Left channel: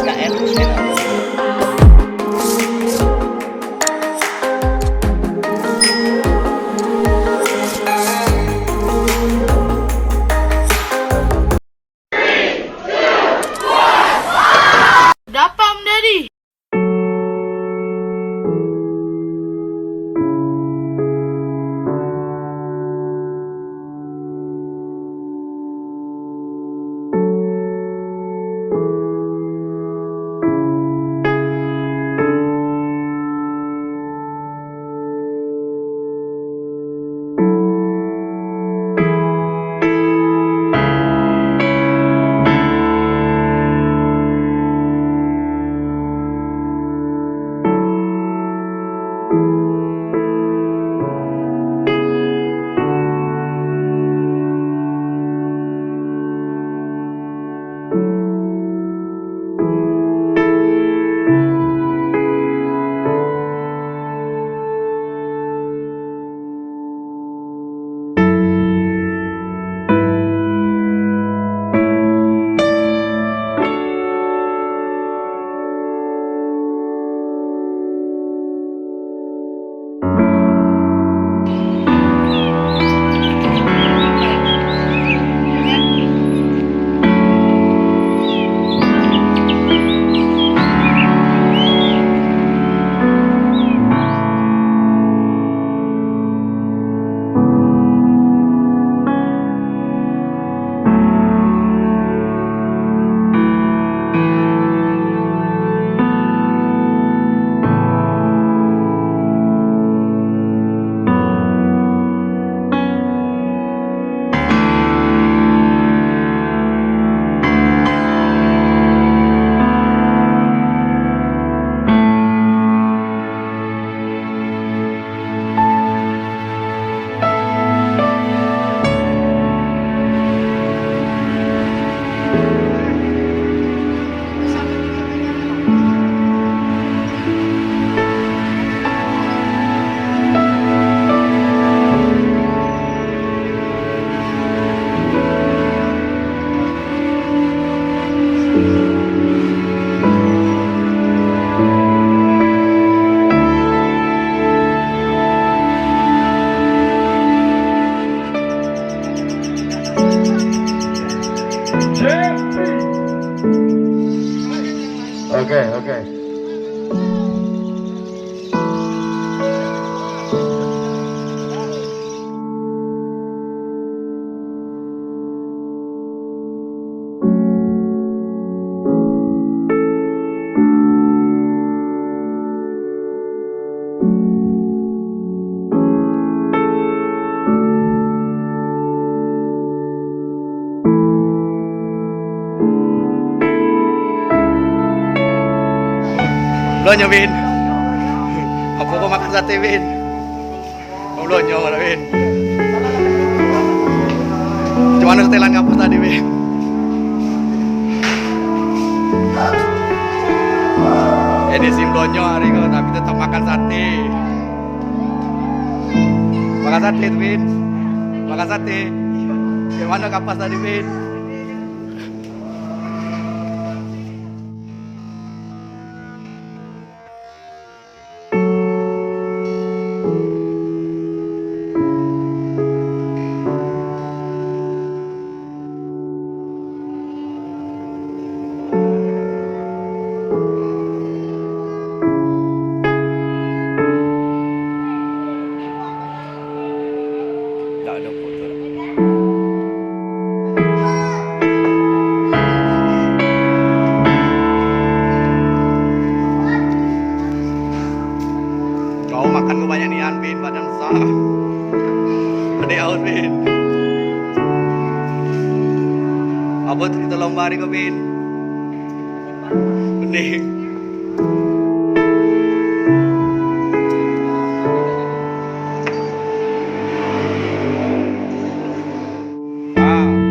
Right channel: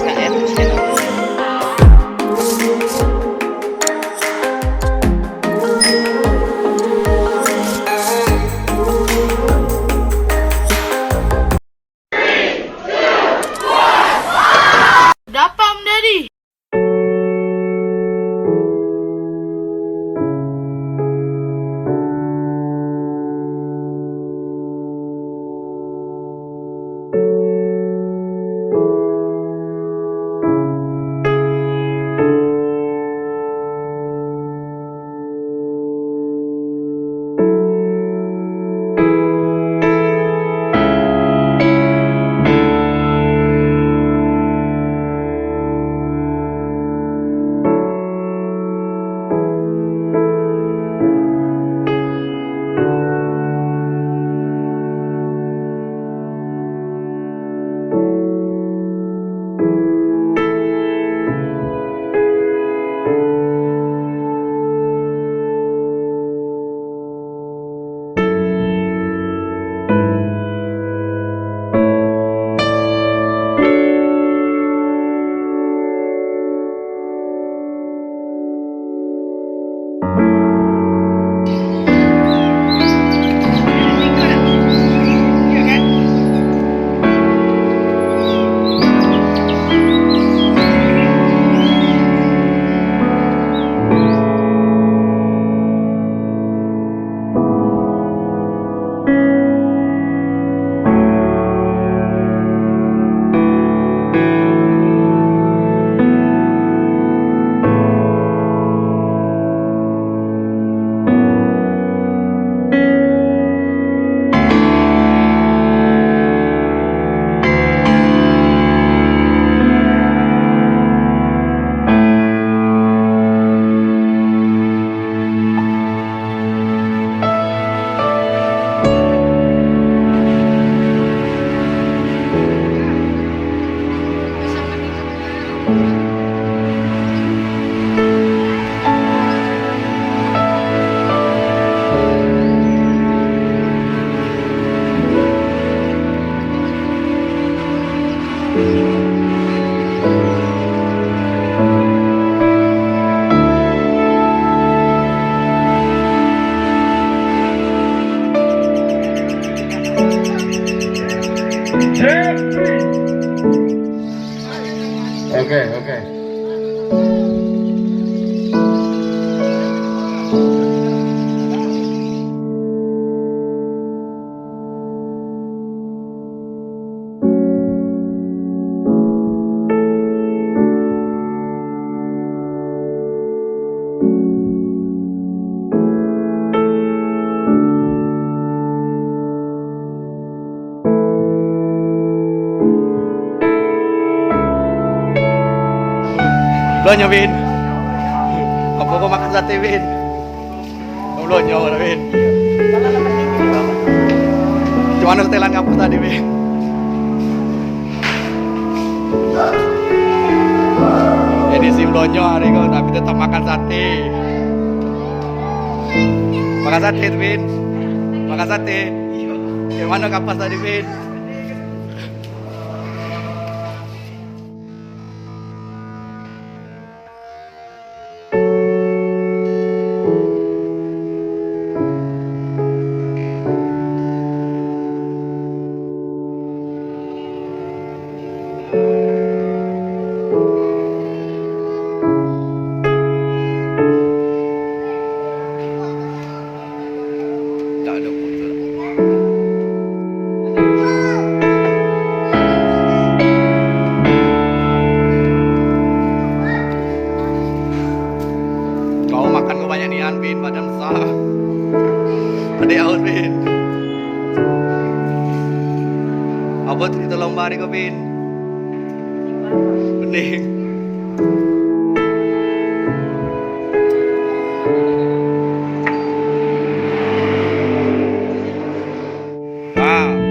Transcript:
SKM channel. Dapam Daddy. Oke. Belonyo Bin. Apa kau makan sate Bin? Kau belonyo mana Bin? Cuma setelan ngapus tadi Bin. Edisi belonyo hari kau tapi tetap makan sate. Makan sate tuh Bin. Makan sate. Gimana kapas tadi Bin? Tak ada foto. Kau makan kebanyak nian Bin, badan besar. Ada haus Bin. Apa cerita lomba hari kau Bin? Bening. Wow.